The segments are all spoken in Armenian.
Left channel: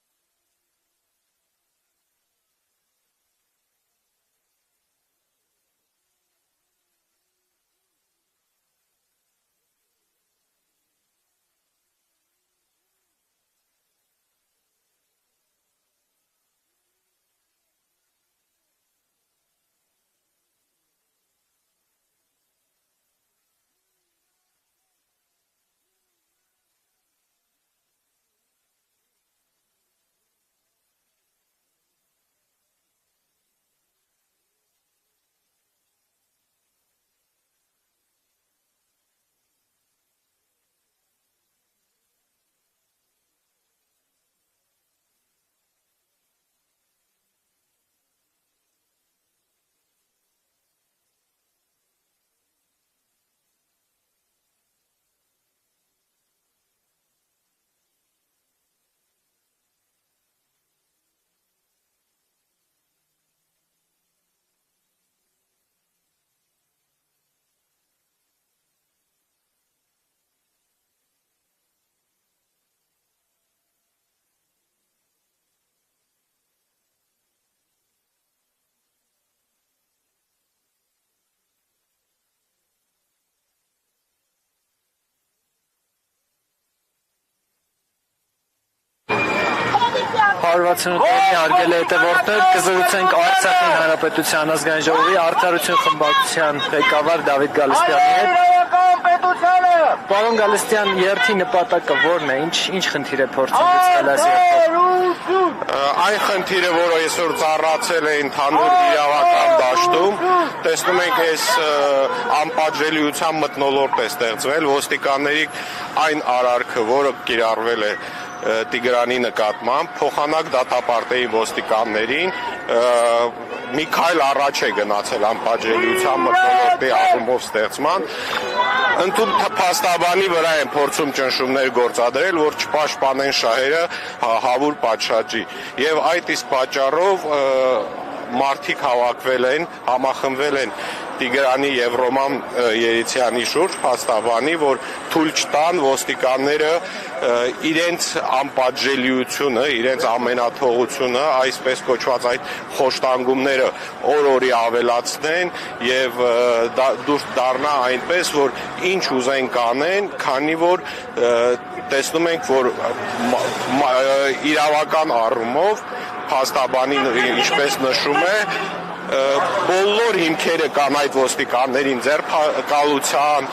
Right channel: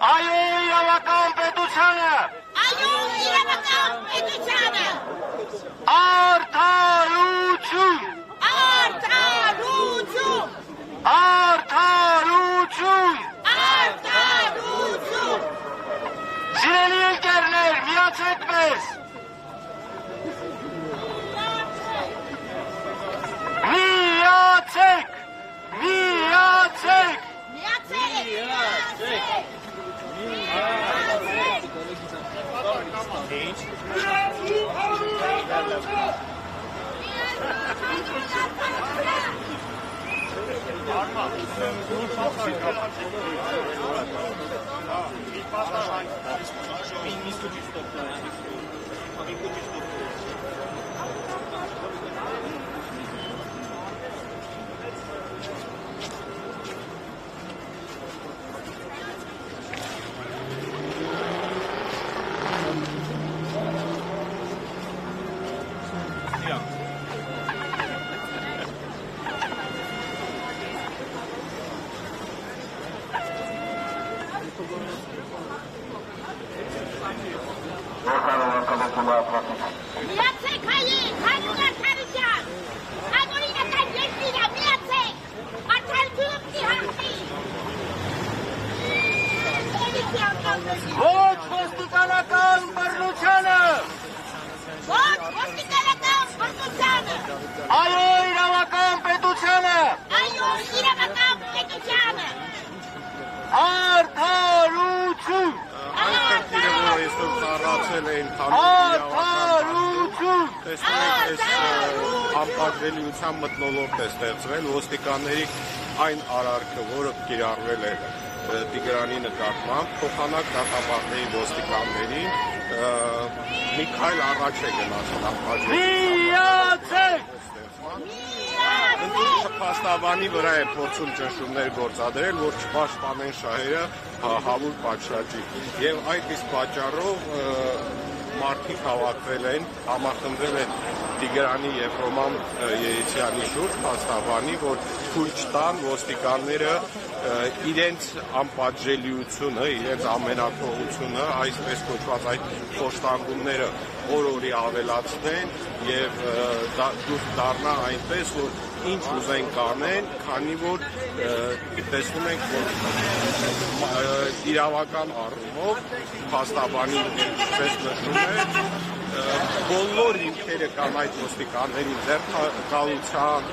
Այո իրավական պետությանը։ Այո իրավական պետությանը։ Արդարություն։ Արդարություն։ Արդարություն։ Արդարություն։ Սիրելի ընկերներ, միացեք մեզ։ Միացեք։ Միացեք։ Միացեք հայեր, հանուն արդարության, անօրինական երկիրը, միացեք, արդարություն հանդի։ 168-ի հարգելի հետևորդներ, կզրուցենք Արցախի Հանրապետության ազգային ժողովի արդարություն խմբակցության ղեկավար Դավիթ Գալստյանի հետ։ Իրավական պետությանը։ Պարոն Գալստյան, երթի նպատակը ո՞րն է, ինչ խնդիր է փորձում լուծել այս երթով։ Այն խնդիրը, որը այսօր ծառացել է ընդհանուր իրավական դաշտում, տեսնում ենք այս անպատժելիության մթնոլորտ է ստեղծվել, ոստիկանների այն արարքը, որը կիրառվել է Տիգրանի նկատմամբ, փոխանակ դատապարտեի ոստիկաններին մի քայլ առաջ է գնացել անպատժելիության մթնոլորտի առումով ստեղծման, ընդհանուր փաստաբանի վրա են փորձում ճնշումներ գործադրել, որ չպաշտպանեն շահերը հավուր պատշաճի։ Եվ այդ իսկ պատճառով մարդիկ հավաքվել են, համախմբվել են Տիգրանի եւ Ռոման Երիցյանի շուրջ փաստաբանի, որ թույլ չտան ոստիկանները իրենց անպատժելիությունը, իրենց ամենաթողությունը, այսպես կոչված այդ խոշտանգումները օր-օրի ավելացնեն եւ դուրս դառնա այնպես, որ ինչ ուզեն կանեն, քանի որ տեսնում ենք, որ իրավական առումով փաստաբանին ինչպես նշում է, բոլոր հիմքերը կան այդ ոստիկաններին ձերբակալության,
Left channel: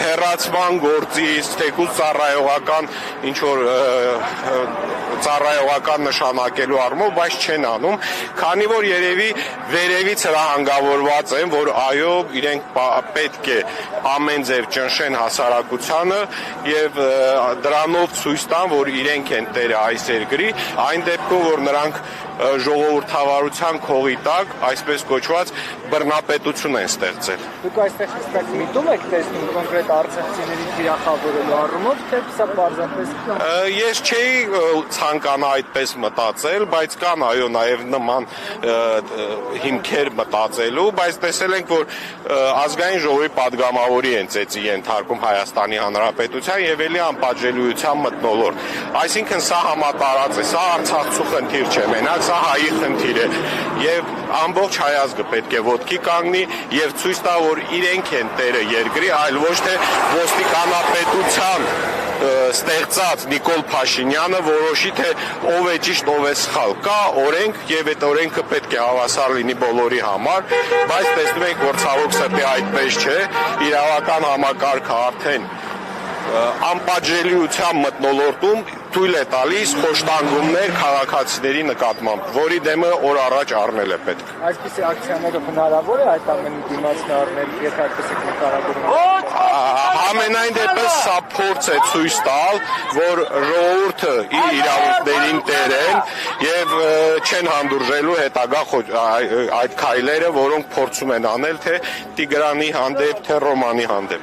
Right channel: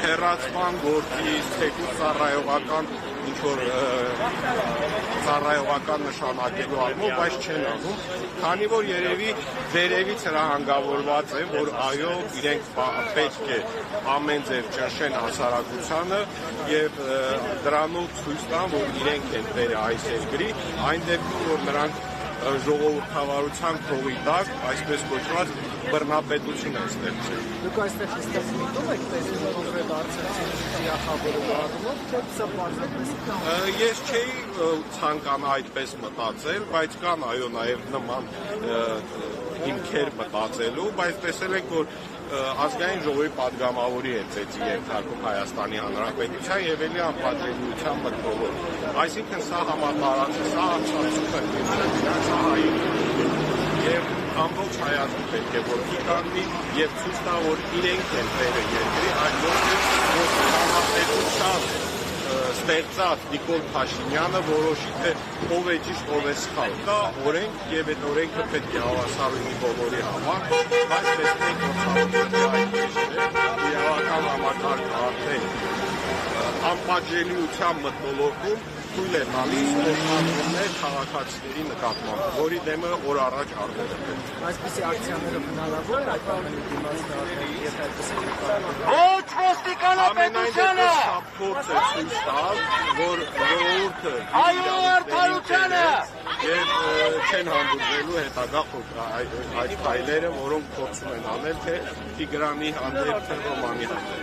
հեռացման գործից, թեկուզ ծառայողական ինչ-որ ծառայողական նշանակելու առումով, բայց չեն անում, քանի որ երևի վերևից հրահանգավորված են, որ այո, իրենք պետք է ամեն ձև ճնշեն հասարակությանը եւ դրանով ցույց տան, որ իրենք են տերը այս երկրի, այն դեպքում, որ նրանք ժողովրդավարության քողի տակ, այսպես կոչված բռնապետություն են ստեղծել։ Դուք այստեղ հստակ միտում եք տեսնում կոնկրետ արցախցիների վիրախավորելու առումով, թե սա պարզապես։ Ես չէի ցանկանա այդպես մտածել, բայց կան այո նաև նման հիմքեր մտածելու, բայց տեսել ենք, որ ազգային ժողովի падգամավորի են ծեծի ենթարկում Հայաստանի Հանրապետության եւ ելի անպատժելիության մթնոլորտ։ Այսինքն սա համատարած է, սա արցախցու խնդիր չէ, մենակ սա հայի խնդիր է եւ ամբողջ հայազգը պետք է ոտքի կանգնի եւ ցույց տա, որ իրենք են տերը երկրի, այլ ոչ թե ոստիկանապետության ստեղծած Նիկոլ Փաշինյանը որոշի, թե ով է ճիշտ, ով է սխալ։ Կա օրենք եւ այդ օրենքը պետք է հավասար լինի բոլորի համար, բայց տեսնում ենք, որ ցավոք սրտի այդպես չէ, իրավական համակարգը արդեն անպատժելիության մթնոլորտում թույլ է տալիս խոշտանգումներ քաղաքացիների նկատմամբ, որի դեմը օր առաջ առնել է պետք։ Այսպիսի ակցիաներով հնարավոր է այդ ամենի դիմացն առնել, եթե այդպես եք նկարագրում։ Ամենայն դեպս սա փորձ է ցույց տալ, որ ժողովուրդը իր իրավունքներին տեր են եւ չեն հանդուրժելու հետագա այդ քայլերը, որոնք փորձում են անել թե Տիգրանի հանդեպ, թե Ռոմանի հանդեպ։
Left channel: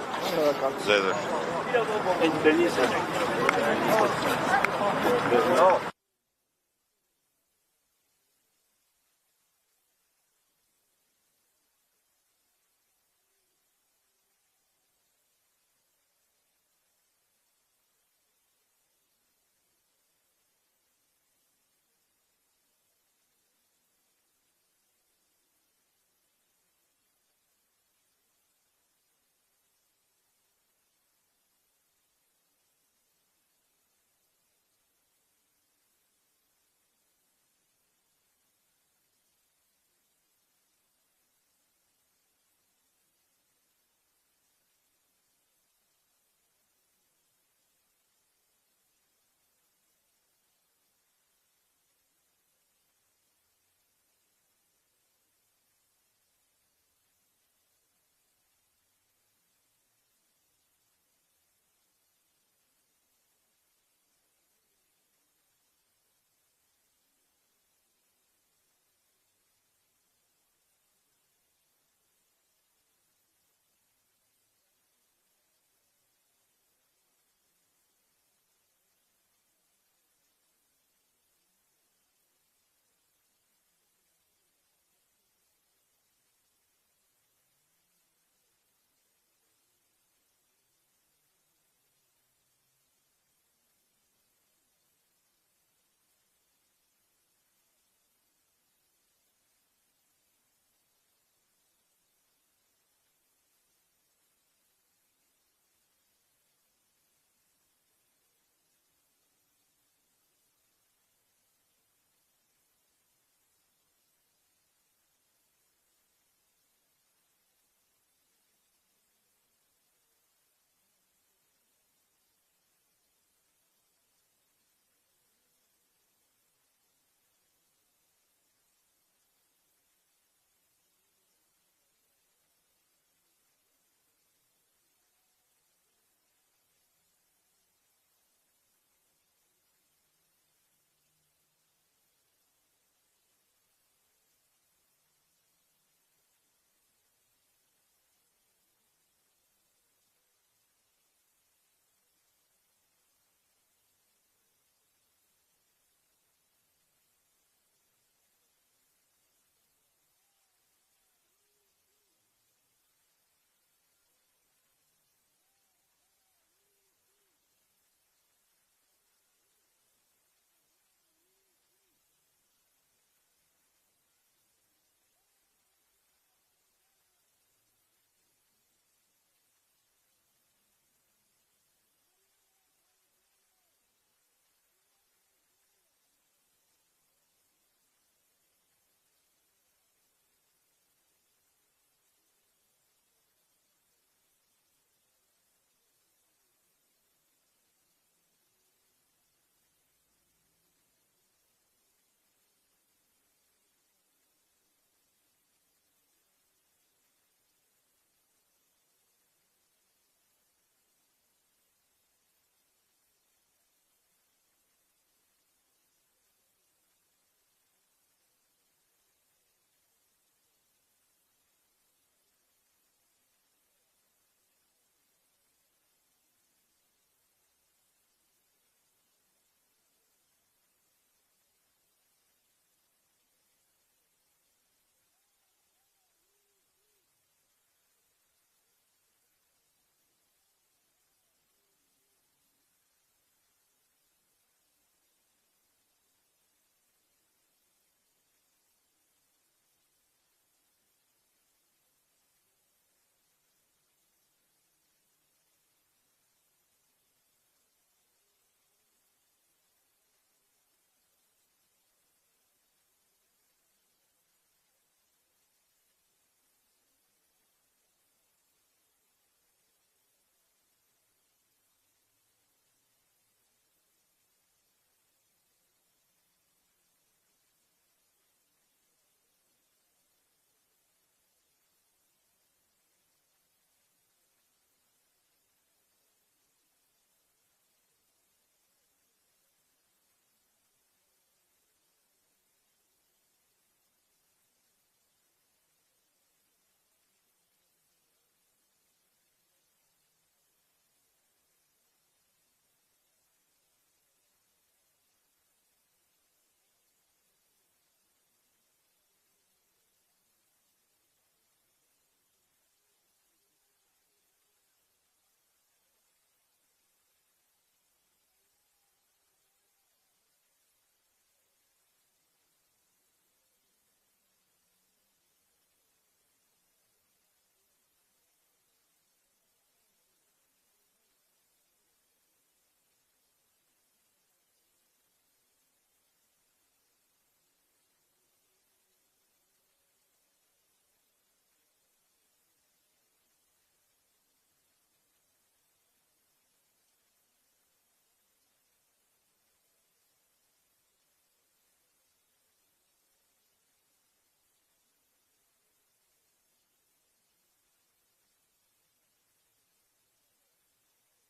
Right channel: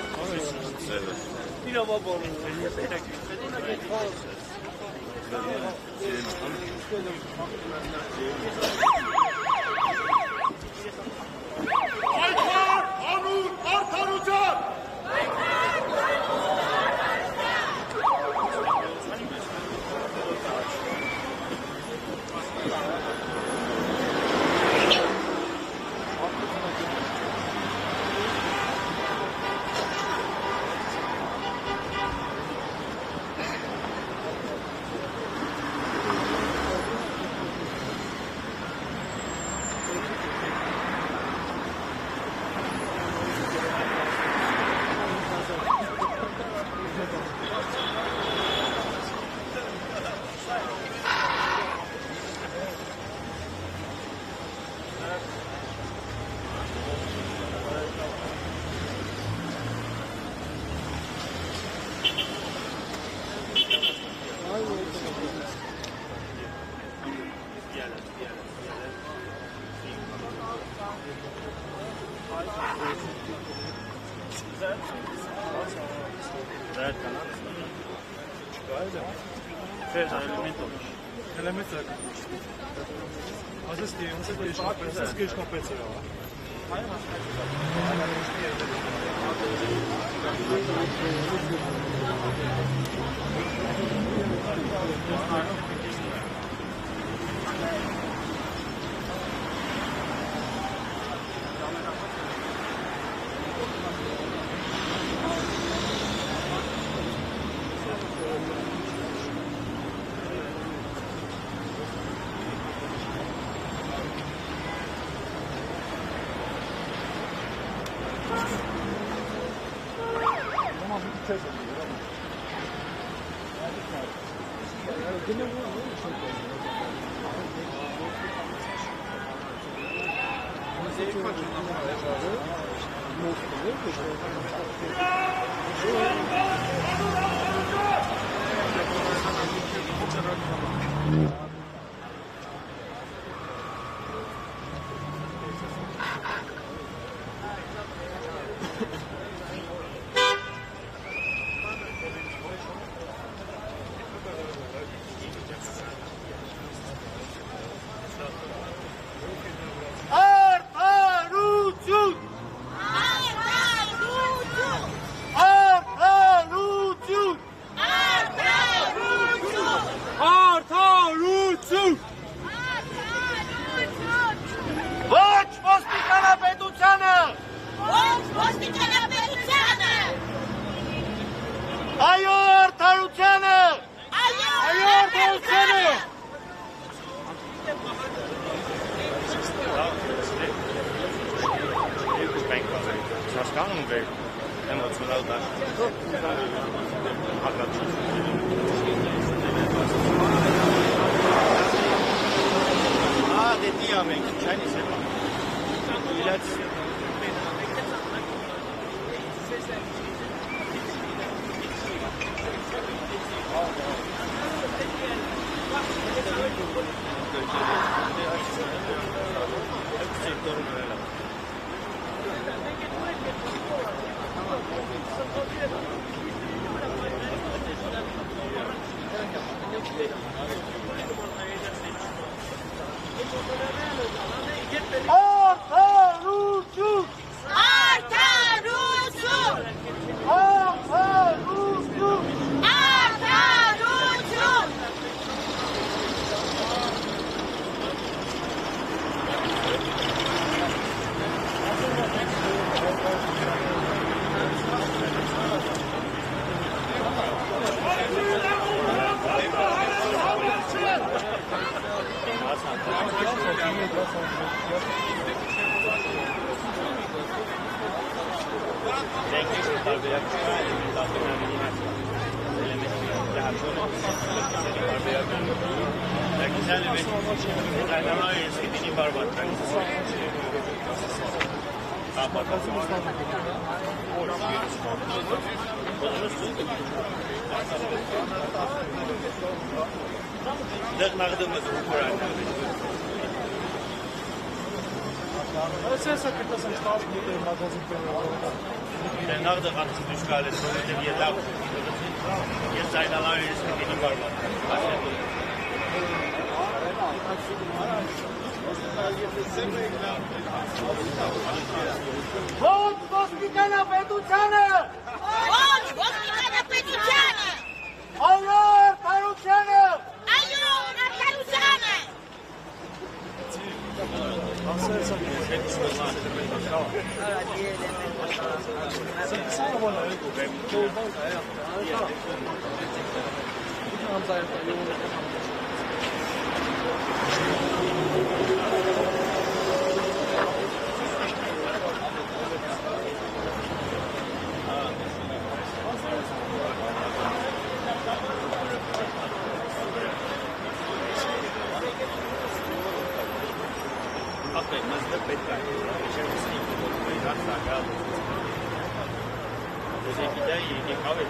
Դե գիտեի, եկավ է,